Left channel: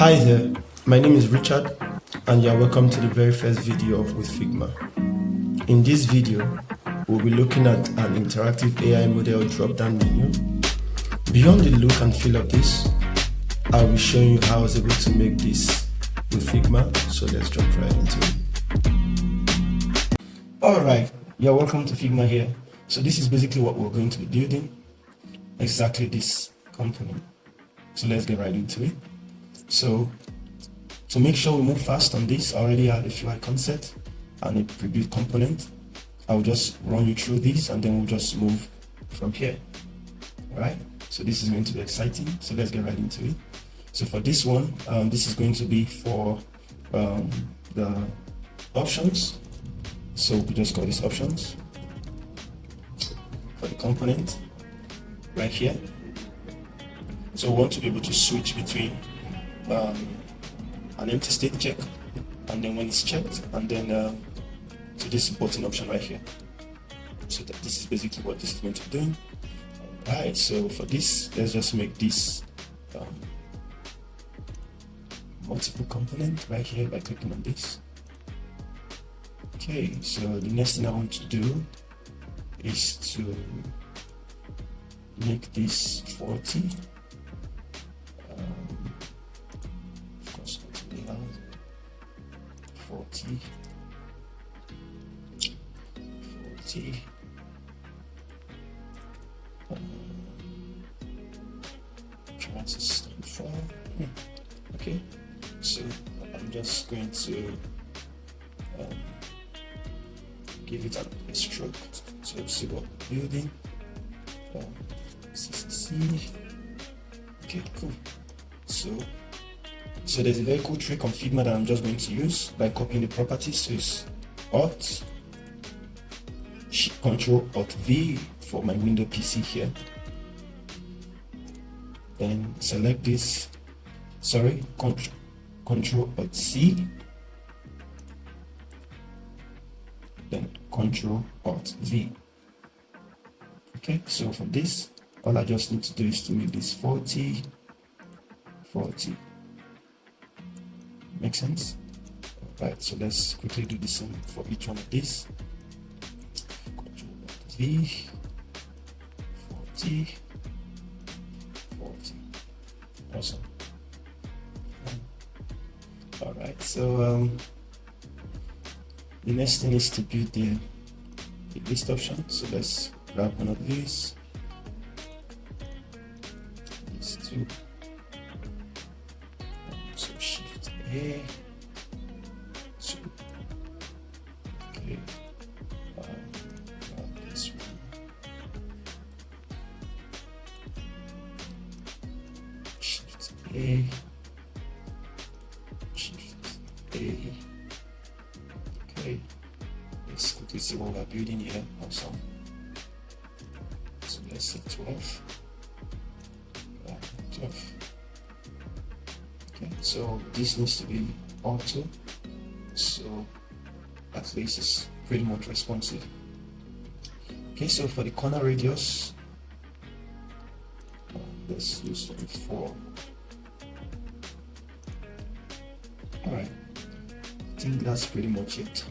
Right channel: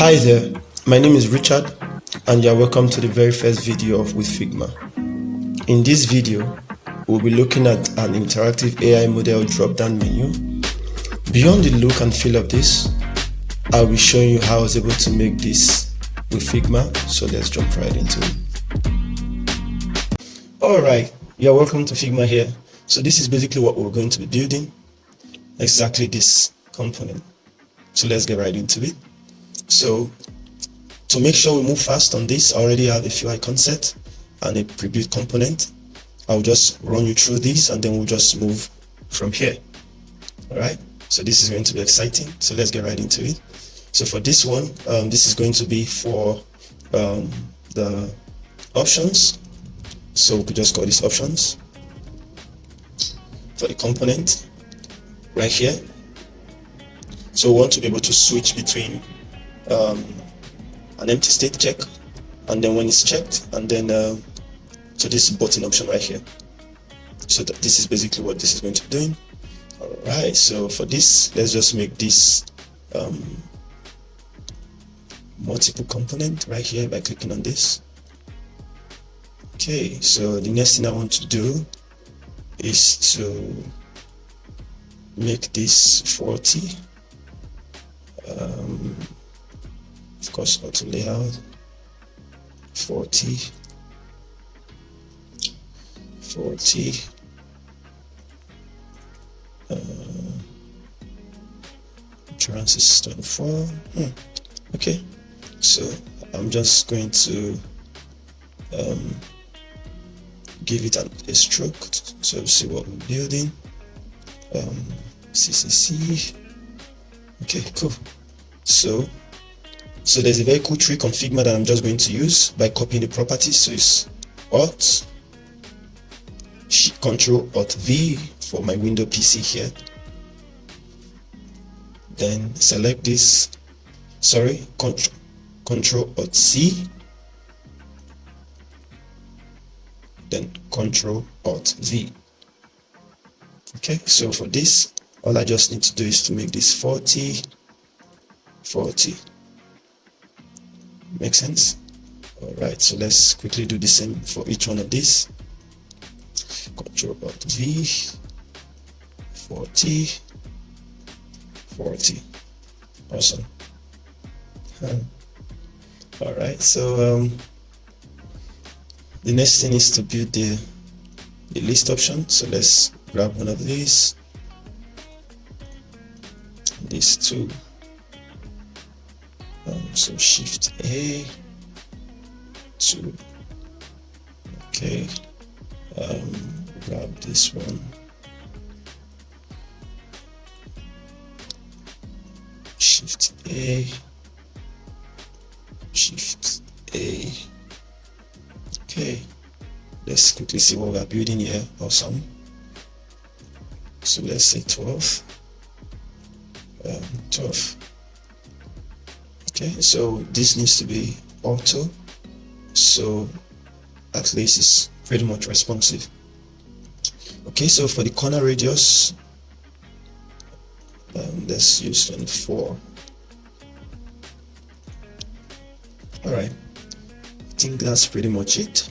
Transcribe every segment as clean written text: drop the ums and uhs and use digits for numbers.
Hi there, my name is Richard and you are welcome to the very first video of WithFigma. In this video, we'll be looking at an interactive AI model drop-down menu. Beyond the look and feel of this, I'll be showing you how I was able to make this with Figma, so let's jump right into it. Alright, you're welcome to Figma here. So this is basically what we're going to be building, exactly this component. So let's get right into it. So to make sure we move fast on this, I already have a few icons set and a pre-built component. I'll just run you through these and then we'll just move from here. Alright, so this is going to be exciting. So let's get right into it. So for this one, this is going to be for the options. So we just call this options. For the component right here. So we want to be able to switch between an empty state check, and then when it's checked, and then to this button option right here. So that this is basically what this is going to be doing. Alright, so for this, let's just make this multiple component right here by clicking on this. Okay, so the next thing I want to do is to make this 40. Of course, auto layout 40, Variance 24. Okay, so I'm just going to give it a stroke so see what we're building. CCC. Okay, cool. So there's a very cool trick on Figma that I'm just going to use by copying the properties. So it's Alt, Control Alt V for my window PC here. Then select this, Control Alt C. Then Control Alt V. Okay, so for this, all I just need to do is to make this 40. Make sense? Alright, so let's quickly do the same for each one of these. Control Alt V, 40. Awesome. Alright, so the next thing is to build the list option. So let's grab one of these. These two. So Shift A, 2. Okay, grab this one. Shift A, Shift A. Okay, let's quickly see what we're building here. Awesome. So let's say 12. 12. Okay, so this needs to be auto, so at least it's pretty much responsive. Okay, so for the corner radius, let's use 24. Alright, I think that's pretty much it.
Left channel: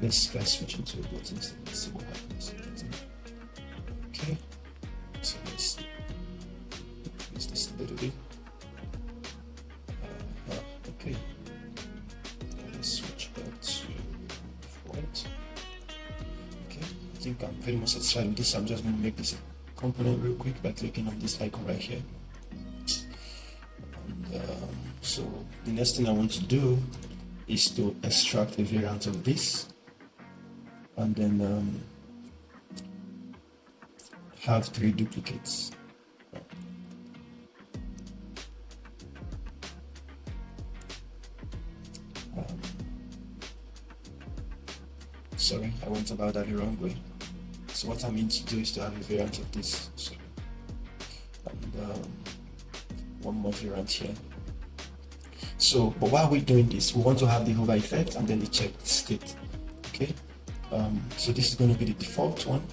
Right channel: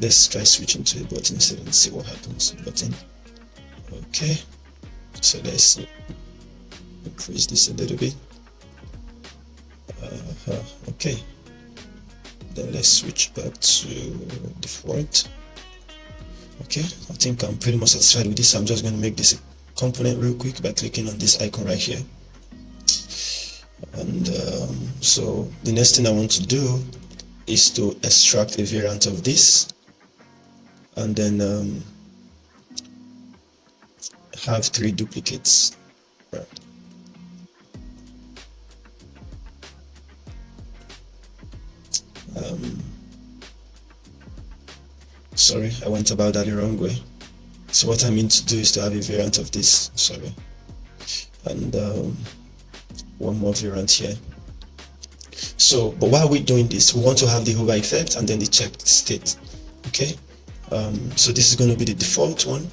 Let's try switching to a button instead and see what happens. Button. Okay, so let's increase this a little bit. Okay, then let's switch back to default. Okay, I think I'm pretty much satisfied with this. I'm just going to make this a component real quick by clicking on this icon right here. And so the next thing I want to do is to extract a variant of this, and then have 3 duplicates. Right. Sorry, I went about that the wrong way. So what I mean to do is to have a variant of this, sorry, and one more variant here. So, but while we're doing this, we want to have the hover effect and then the checked state. Okay, so this is going to be the default one.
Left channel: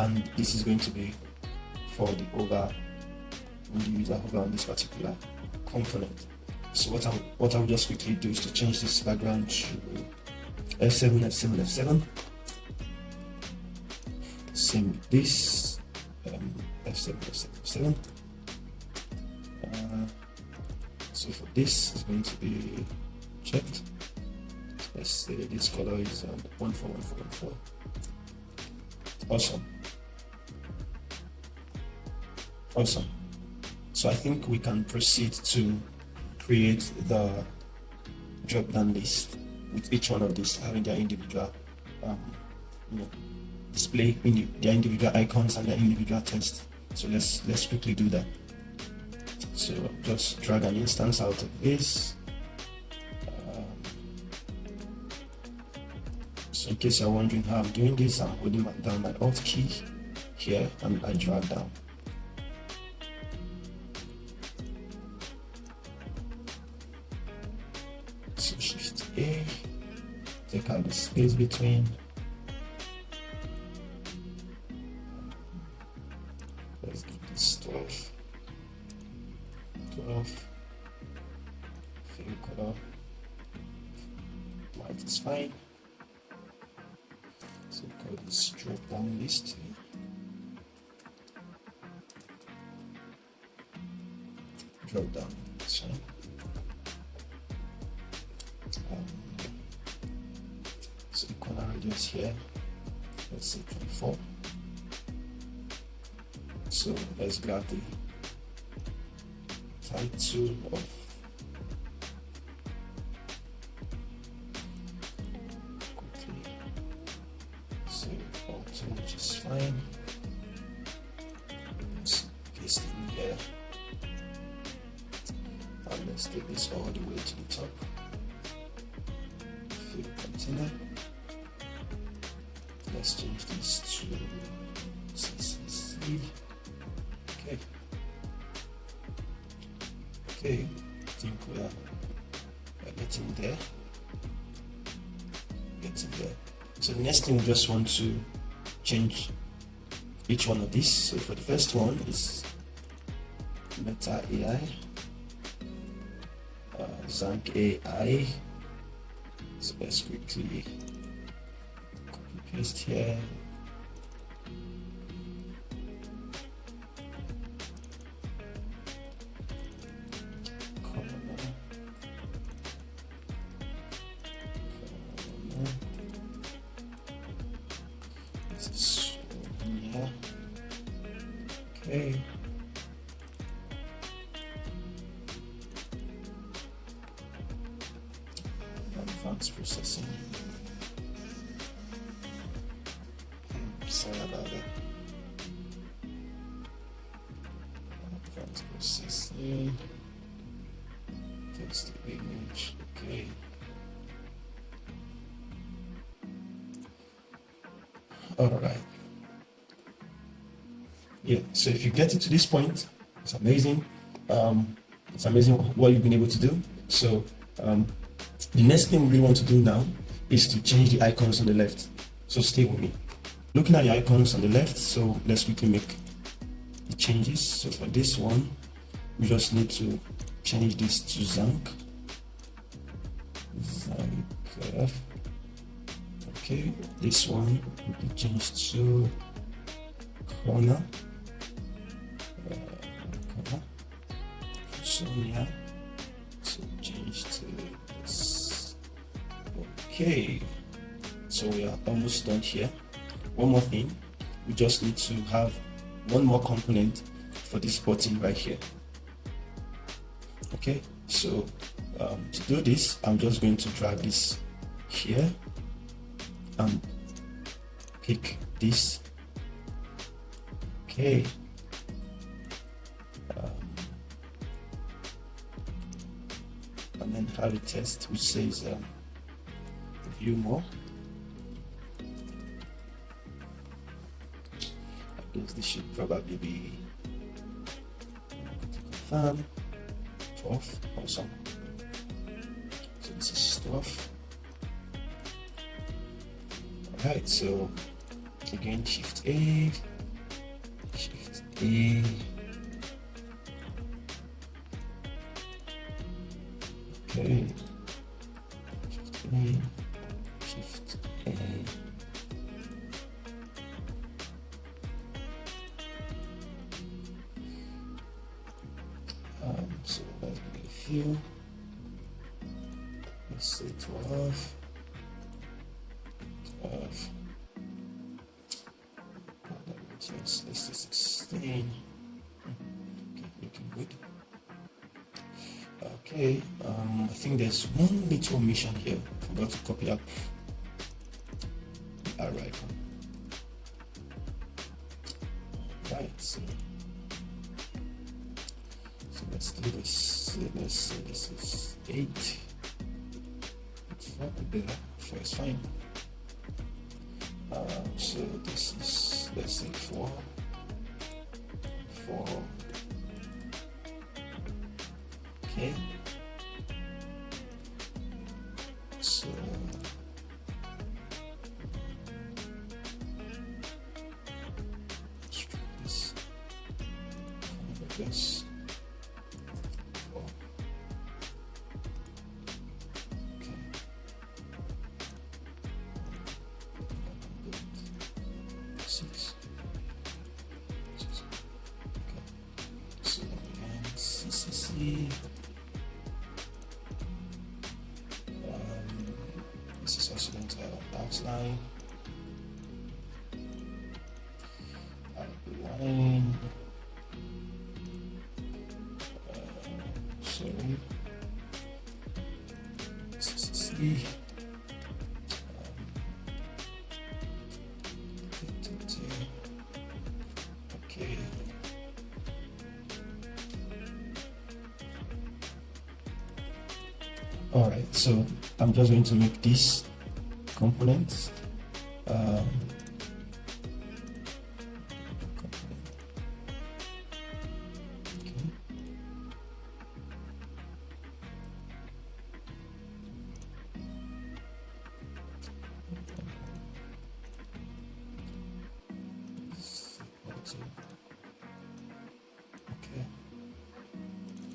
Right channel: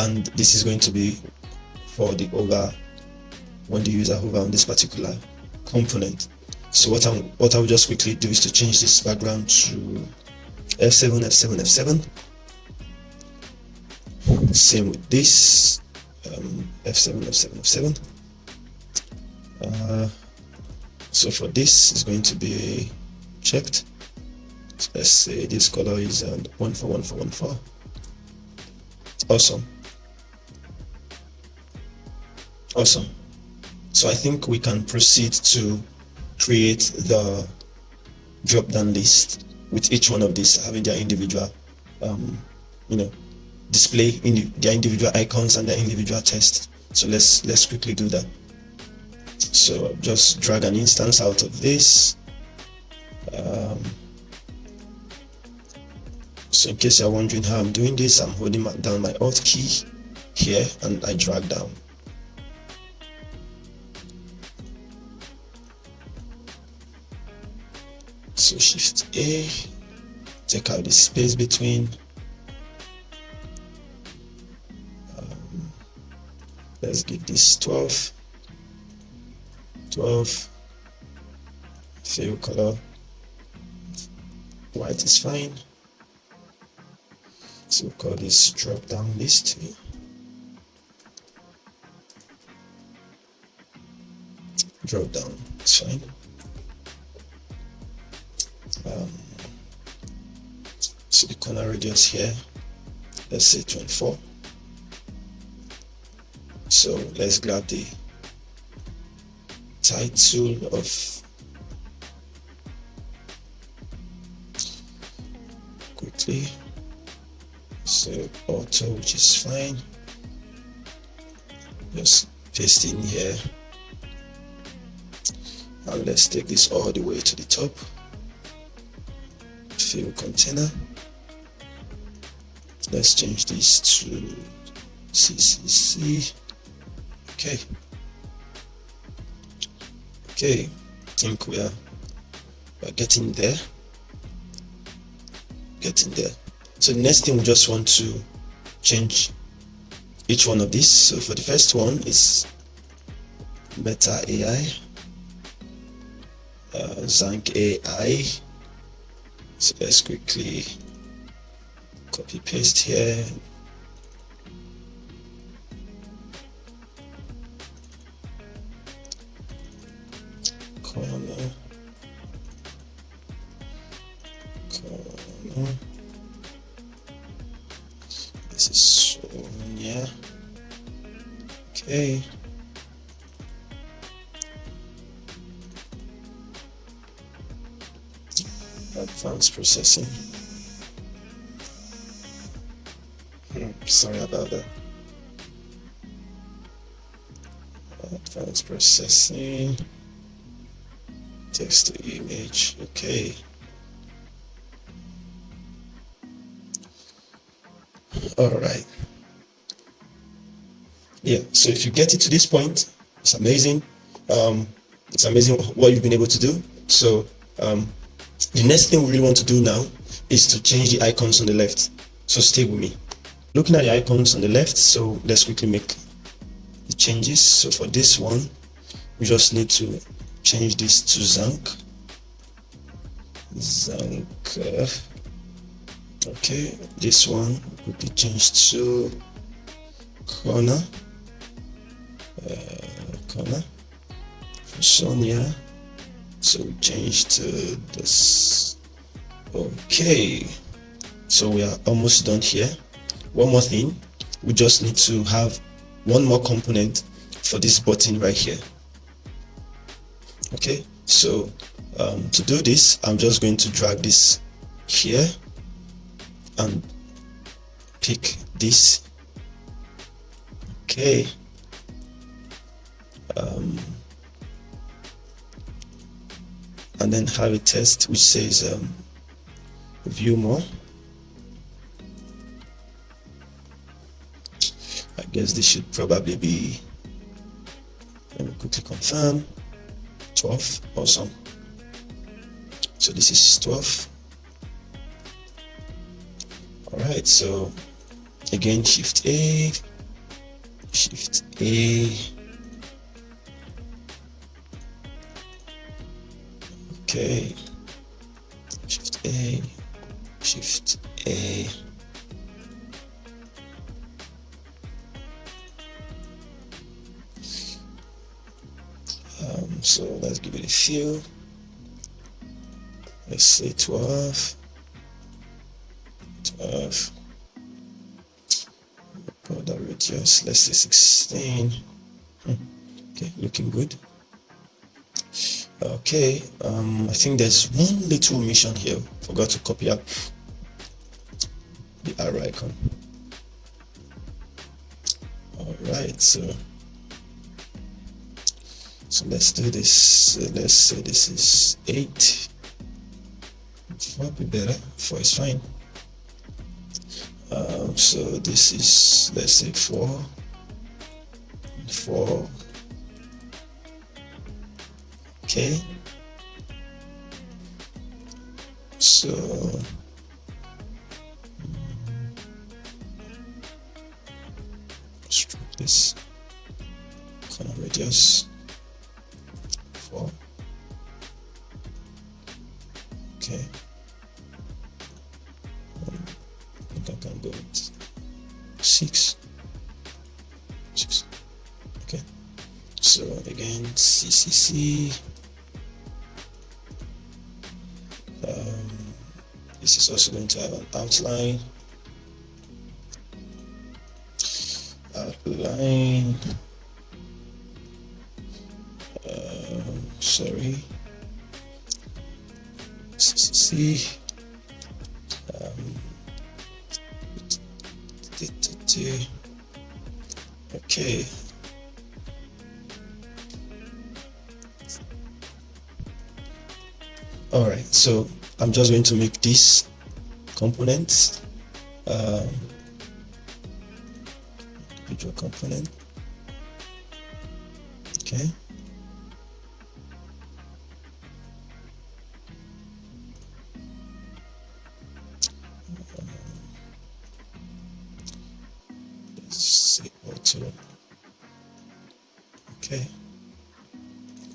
and this is going to be for the hover, when the user hover on this particular component. So what I will just quickly do is to change this background to F7, F7, F7. Same with this, F7, F7, F7. So for this is going to be checked. So let's say this color is 141414. Awesome. So I think we can proceed to create the drop-down list with each one of these having their individual, display in their individual icons and their individual text. So let's quickly do that. So just drag an instance out of this. So in case you're wondering how I'm doing this, I'm holding down my Alt key here and I drag down. So Shift A, take out the space between. Let's give this 12, fill color, white is fine. So we'll call this drop down list. Drop down, it's fine. So the corner radius here, let's say 24. So let's grab the title of quickly. So auto, which is fine. Just paste in here. And let's take this all the way to the top. Fill container. Let's change this to CCC. Okay, I think we're getting there. So the next thing, we just want to change each one of these. So for the first one is Meta AI, Zank AI. So let's quickly copy paste here. This is Sonia. Okay. Advanced processing. Sorry about that. Advanced processing. Text to image. Okay. All right. Yeah. So if you get it to this point, it's amazing. It's amazing what you've been able to do. So the next thing we really want to do now is to change the icons on the left. So stay with me. Looking at the icons on the left, so let's quickly make the changes. So for this one, we just need to change this to Zank. Okay, this one will be changed to corner. For Sonia. So we change to this. Okay, so we are almost done here. One more thing, we just need to have one more component for this button right here. Okay, so to do this, I'm just going to drag this here and pick this. Okay, and then have a test which says view more. I guess this should probably be, let me quickly confirm, 12. Awesome. So this is 12. All right, so again, Shift A, Shift A. Okay. Shift A. Shift A. So let's give it a feel. Let's say 12. Border radius, let's say 16. Okay, looking good. Okay, I think there's one little omission here. Forgot to copy out the arrow icon. All right, so let's do this. Let's say this is 8. 4 would be better. 4 is fine. So this is, let's say 4. Okay. So stroke this corner radius 4. Okay. I think I can go with 6. Okay. So again, CCC. This is also going to have an outline. Sorry. CCC. Okay. All right, so I'm just going to make this component, individual component. Okay. Let's see auto. Okay.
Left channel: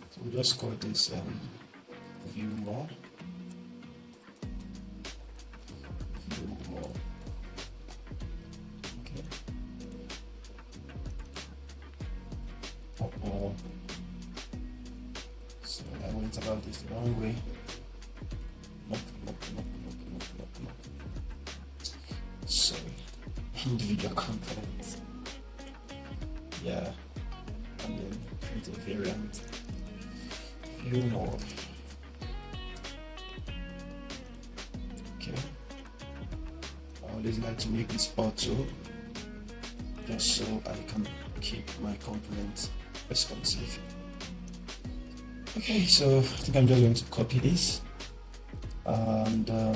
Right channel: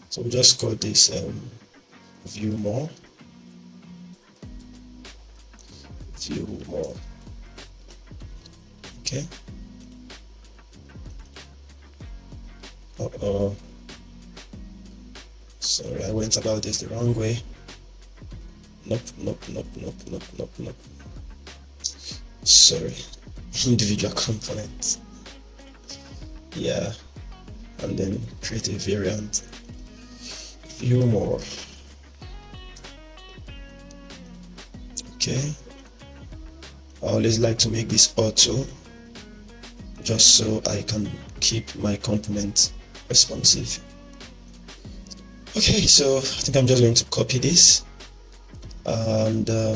So we'll just call this view more. Okay. Sorry, I went about this the wrong way. Nope. Sorry. Individual component. Yeah. And then create a variant. View more. Okay. I always like to make this auto just so I can keep my component responsive. Okay, so I think I'm just going to copy this and I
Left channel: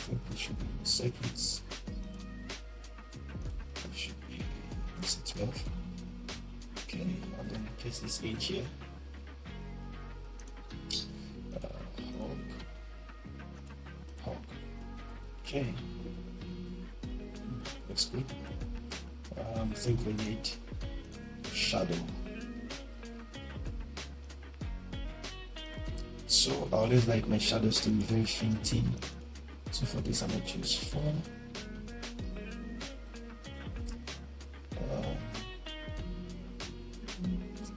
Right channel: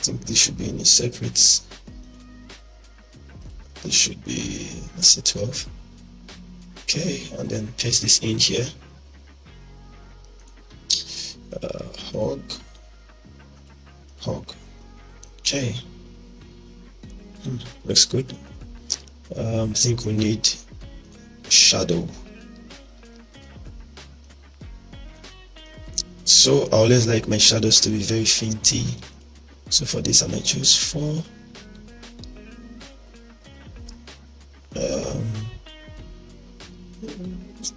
think this should be in a separate. This should be, let's say 12. Okay, and then paste this in here. Hog. Okay. Looks good. I think we need shadow. So I always like my shadows to be very fainty. So for this I might choose 4.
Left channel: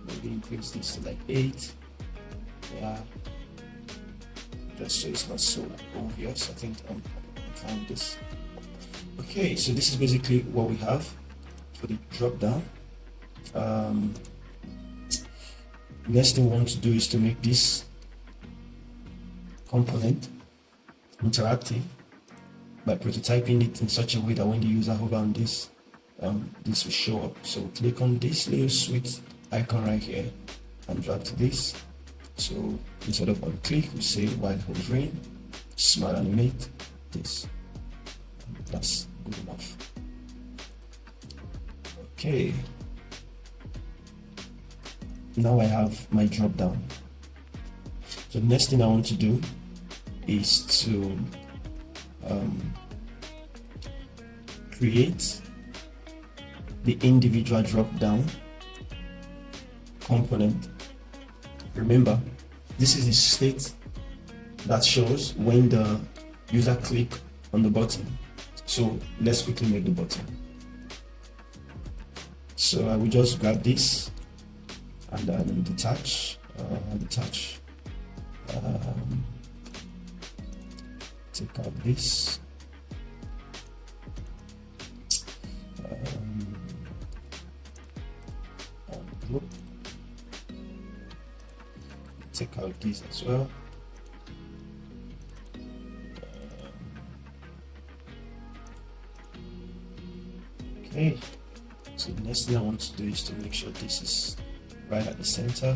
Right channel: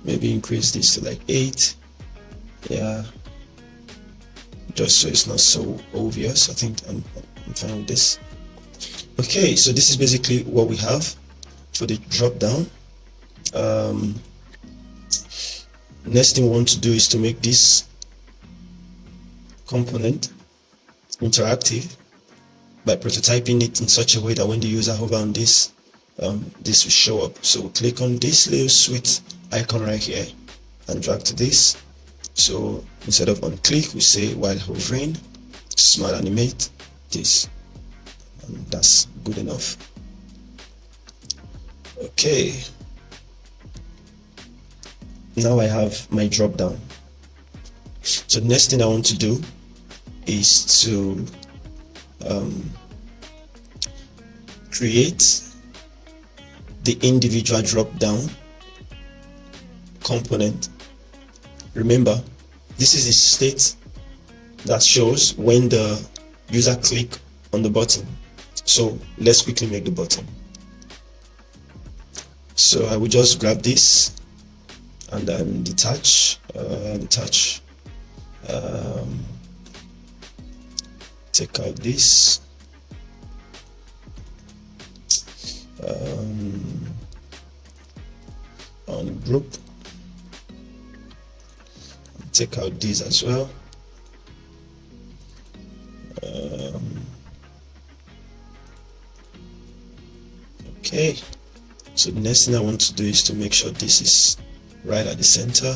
Maybe increase this to like 8. Yeah, just so it's not so obvious. I think I'm fine with this. Okay, so this is basically what we have for the drop down. Next thing we want to do is to make this component interactive by prototyping it in such a way that when the user hover on this, this will show up. So click on this little sweet icon right here and drag to this. So instead of on click, we say while hovering, smart animate this, and that's good enough. Okay, now I have my drop down. So the next thing I want to do is to create the individual drop-down component. Remember, this is a state that shows when the user click on the button. So let's quickly make the button. So I will just grab this and then detach, take out this, ungroup, take out these as well. Okay, so the next thing I want to do is to make sure this is right at the center.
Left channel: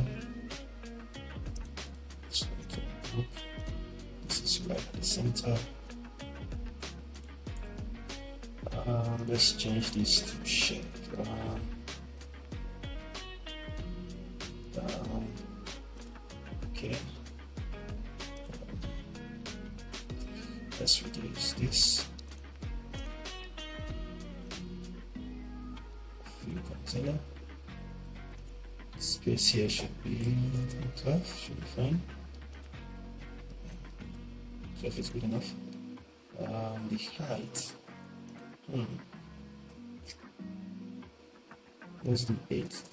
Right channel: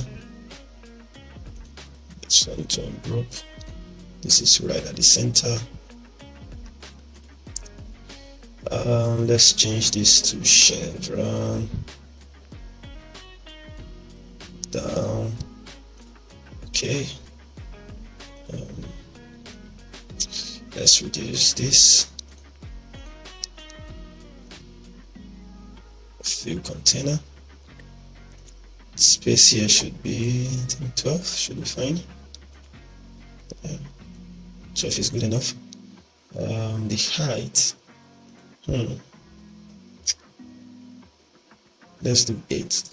It's going to ungroup. This is right at the center. Let's change this to chevron down. Okay. Let's reduce this. Fill container. Space here should be, I think 12 should be fine. 12 is good enough. The height. Let's do 8.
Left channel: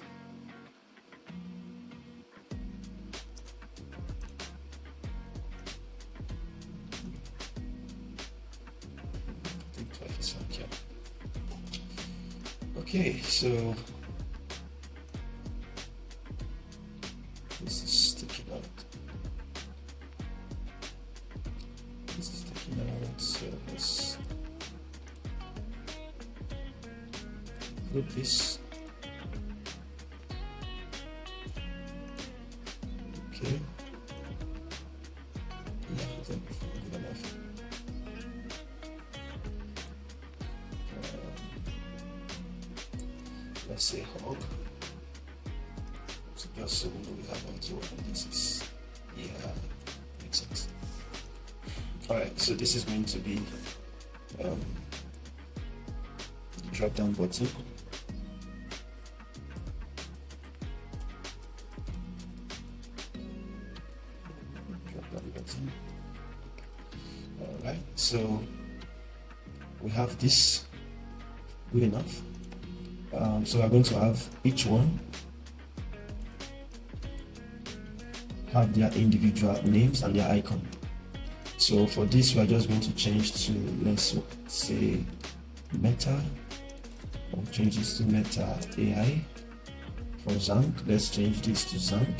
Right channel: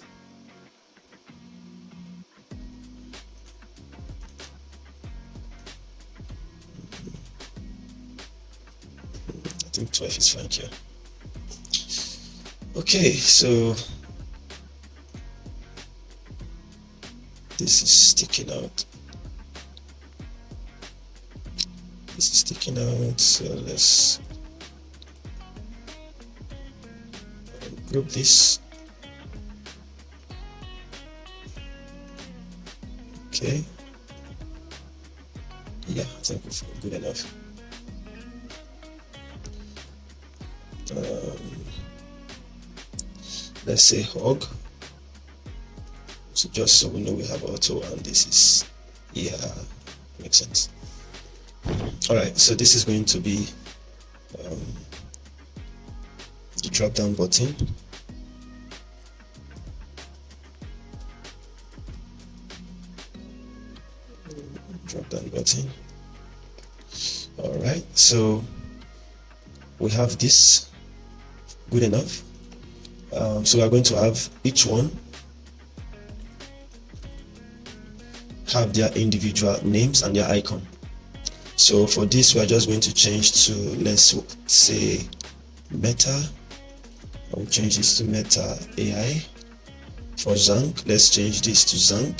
I think 12 is fine here. Okay, so this is sticking out. This is sticking out, so let's group this. Okay. Yeah, I think we feel good enough. Let's say hog. So just so we know we have auto, and this is, yeah, makes sense. All right, so this is going to be the drop down button. Drop down button. All right, so we have this. Good enough. So we are going to have each one have their individual names and their icon. So for this, we are just going to change to, let's say, Meta. I'll change this to Meta AI. For Zank, let's change this to Zank.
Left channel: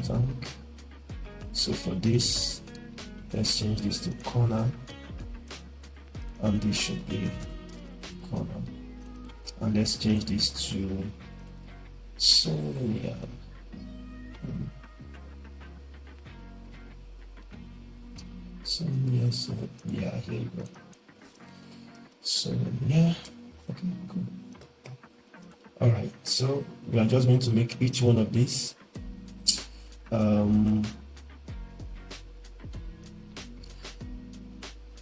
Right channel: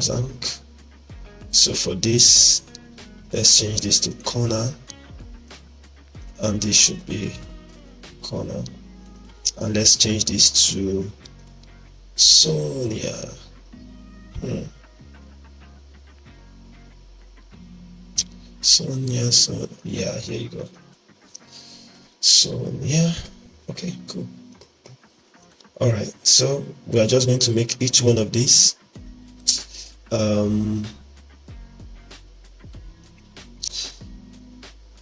Zank. So for this, let's change this to Corner, and this should be Corner. And let's change this to Sonia. Sonia, so yeah, here you go. Sonia. Okay, cool. All right, so we are just going to make each one of these a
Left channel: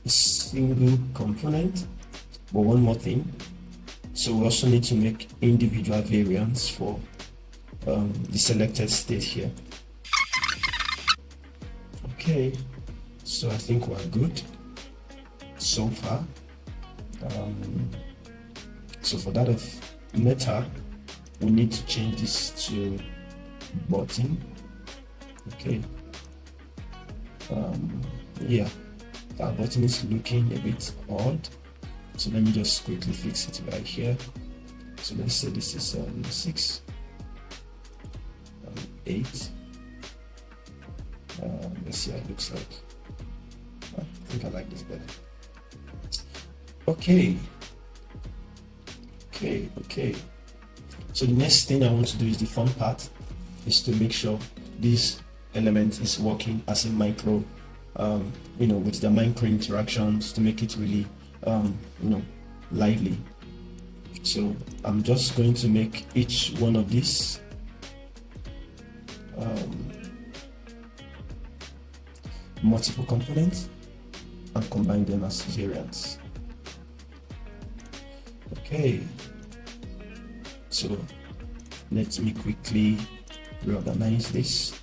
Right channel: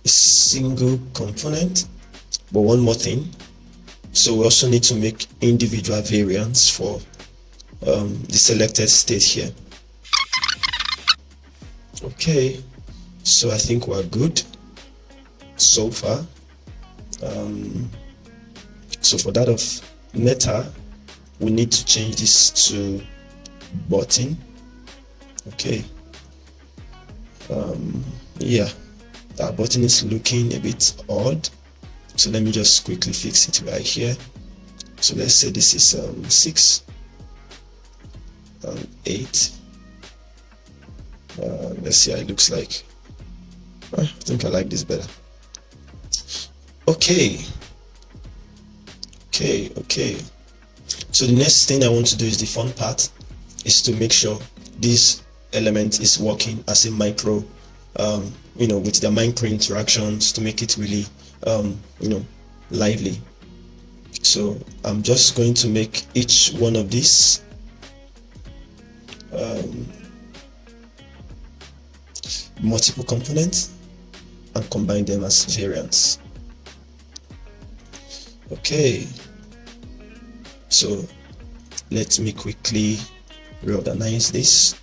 single component. But one more thing, so we also need to make individual variants for the selected state here. Okay, so I think we're good so far. So for that of Meta, we need to change this to button. Okay. Yeah, that button is looking a bit odd, so let me just quickly fix it right here. So let's say this is 6 and 8. Let's see how it looks like. I think I like this better. Okay. So the next thing I want to do is the fun part, is to make sure this element is working as a micro, with the micro interactions to make it really, lively. So I'm just going to make each one of these multiple components and combine them as variants. Okay, so let me quickly reorganize this.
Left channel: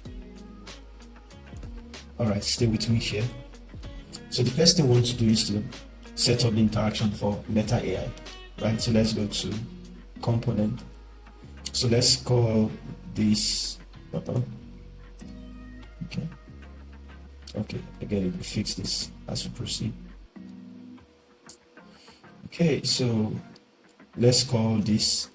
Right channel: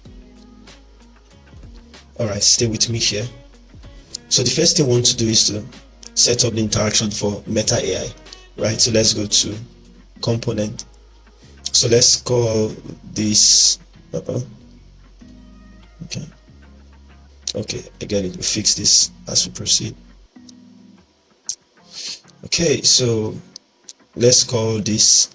Alright, stay with me here. So the first thing we want to do is to set up the interaction for Meta AI, right? So let's go to component. So let's call this okay, I get it. We'll fix this as we proceed. Okay, so let's call this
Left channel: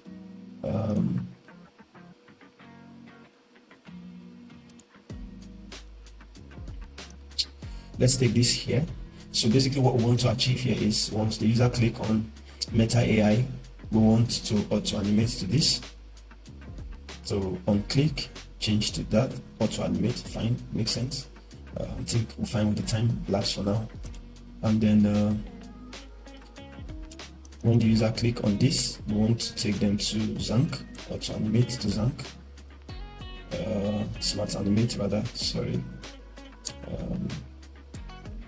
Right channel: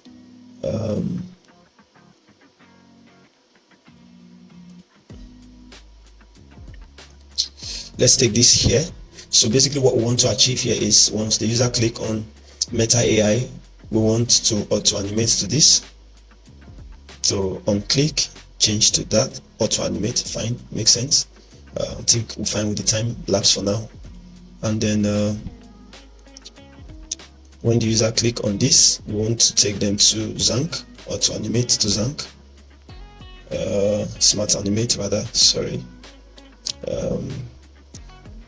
let's take this here. So basically what we want to achieve here is once the user click on Meta AI, we want to auto animate to this. So on click, change to that, auto animate, fine, makes sense. I think we're fine with the time lapse for now. And then when the user click on this, we want to take them to Zank, auto animate to Zank, smart animate rather, sorry.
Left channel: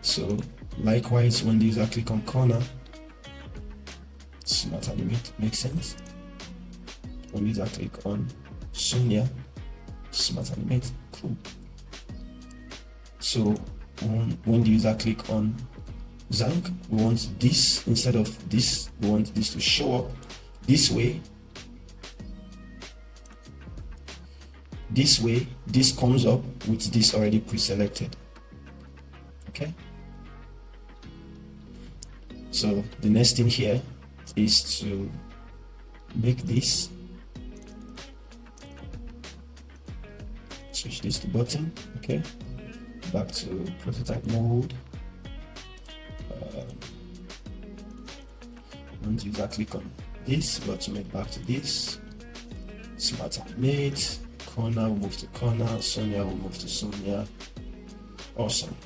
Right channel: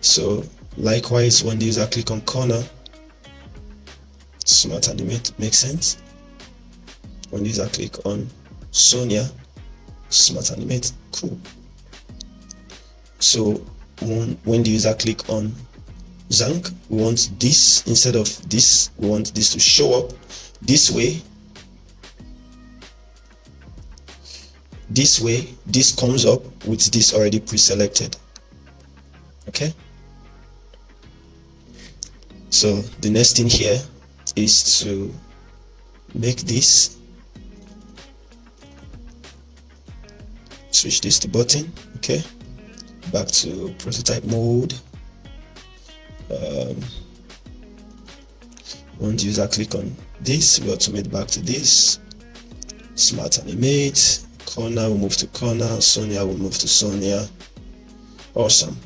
So likewise, when the user click on corner, smart animate, makes sense. When the user click on Sonia, smart animate, cool. So when the user click on Zank, we want this instead of this, we want this to show up this way. This comes up with this already pre-selected. Okay, so the next thing here is to make this, switch this to button. Okay, back to prototype mode. When the user click on this, we automate back to this, smart animate, corner will move to corner, Sonia will move to Sonia. Awesome.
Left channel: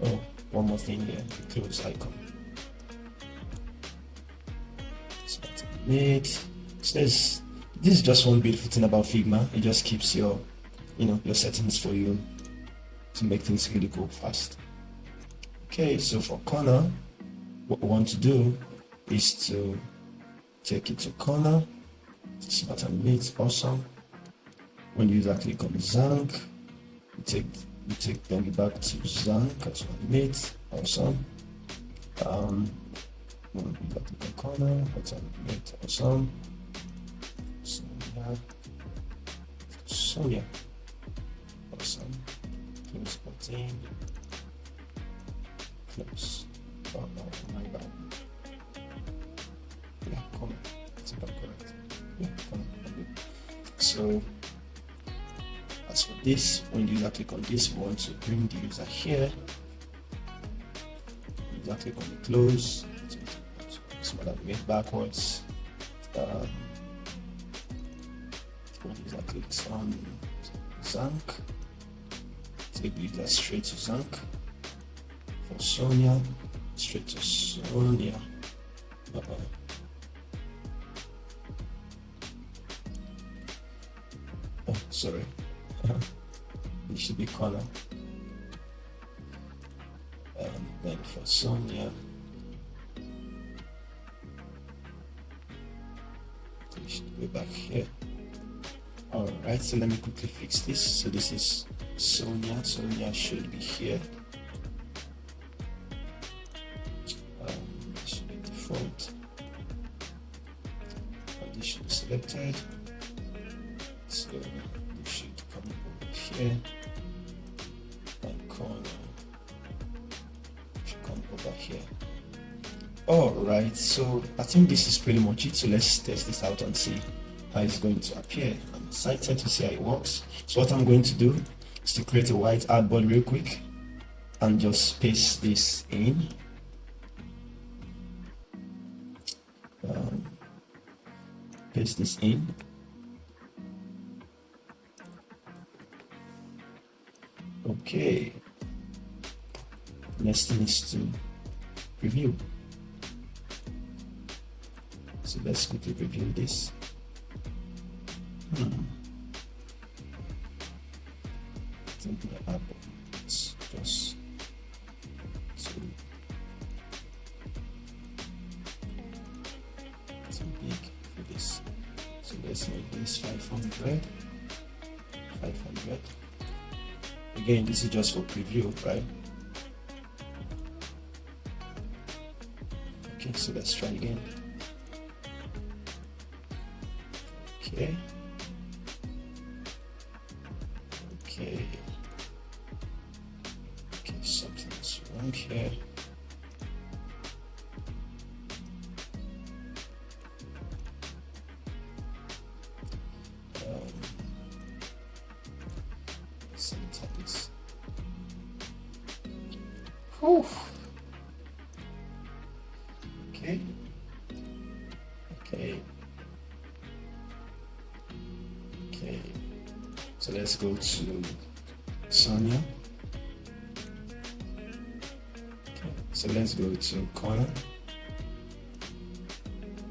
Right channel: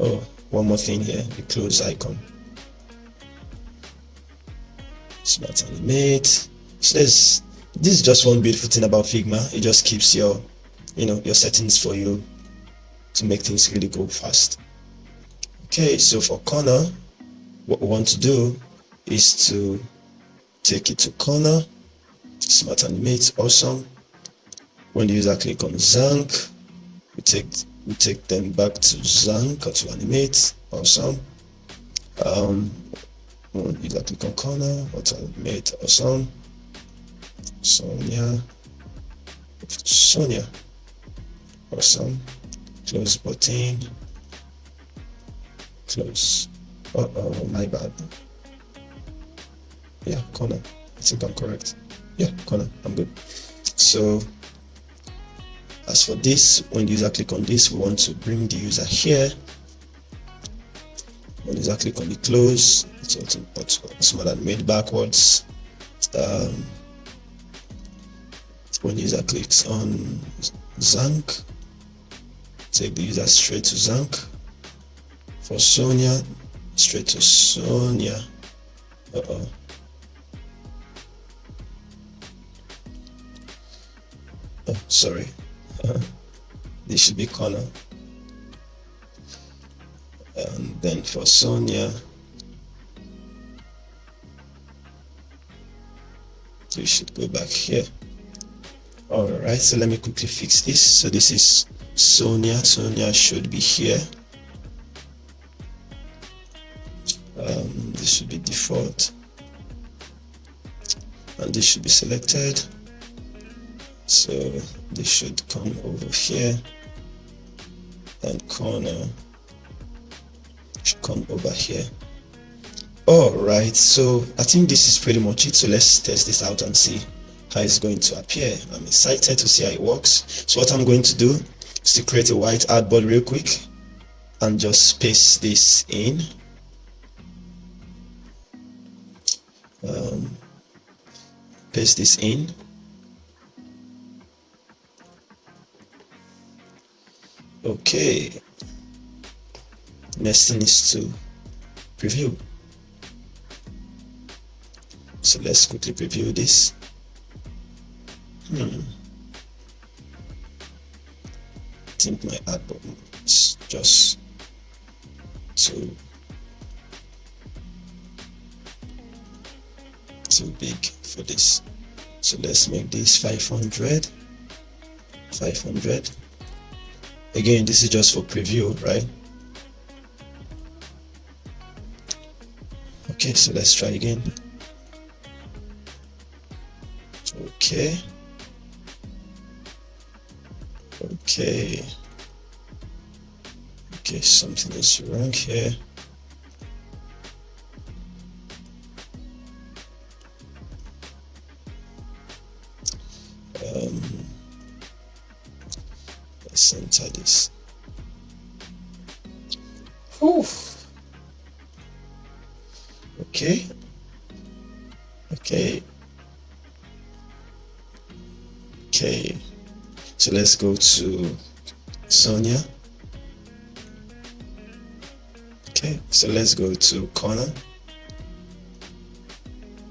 Oh, one more thing here, the close icon, smart animate. So this is just one beautiful thing about Figma. It just keeps your your settings for you to make things really go fast. Okay, so for corner, what we want to do is to take it to corner, smart animate, awesome. When the user click on Zank, we take them back to Zank, auto animate, awesome. When the user click on corner, auto animate, awesome. Sonia, awesome. Close button, close. Oh, my bad. Yeah, corner. I think I'm correct. Yeah, corner. I'm good. So as for this, when the user click on this, we want to bring the user here. When the user click on the close, it's smart animate backwards. When the user clicks on Zank, take the user straight to Zank. For Sonia, straight to Sonia. Oh, sorry. This should be corner. And then for Sonia, we should go back here. Alright, so let me quickly fix this. So this is Sonia. Sonia should be here. This should be default. And this should be selected. So this should come over here. And corner should come over here. Alright, so I think this is pretty much it. So let's test this out and see how it's going to appear. I'm excited to see how it works. So what I'm going to do is to create a white artboard real quick and just paste this in. Paste this in. Okay. Next thing is to preview. So let's quickly preview this. think my add button is just too big for this. So let's make this 500. Again, this is just for preview, right? Okay, so let's try again. Okay, something is wrong here. Let's enter this. Whew. Okay. So let's go to Sonia. Okay, so let's go to corner.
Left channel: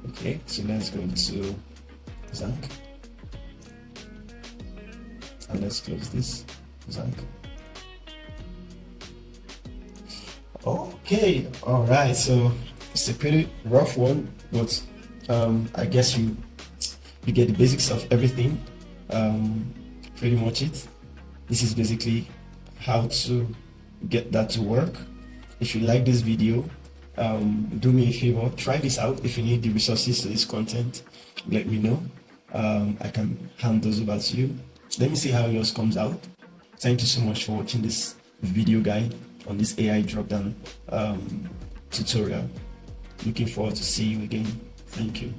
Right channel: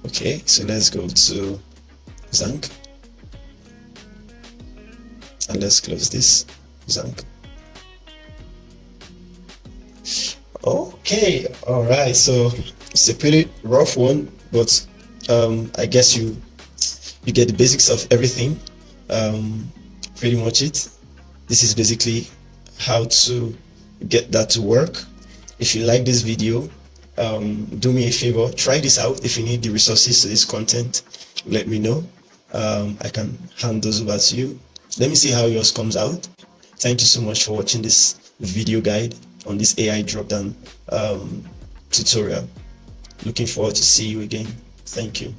Okay, so let's go to Zank. And let's close this Zank. Okay, all right, so it's a pretty rough one, but I guess you get the basics of everything. Pretty much it. This is basically how to get that to work. If you like this video, do me a favor, try this out. If you need the resources to this content, let me know. I can hand those over to you. Let me see how yours comes out. Thank you so much for watching this video guide on this AI dropdown tutorial. Looking forward to see you again. Thank you.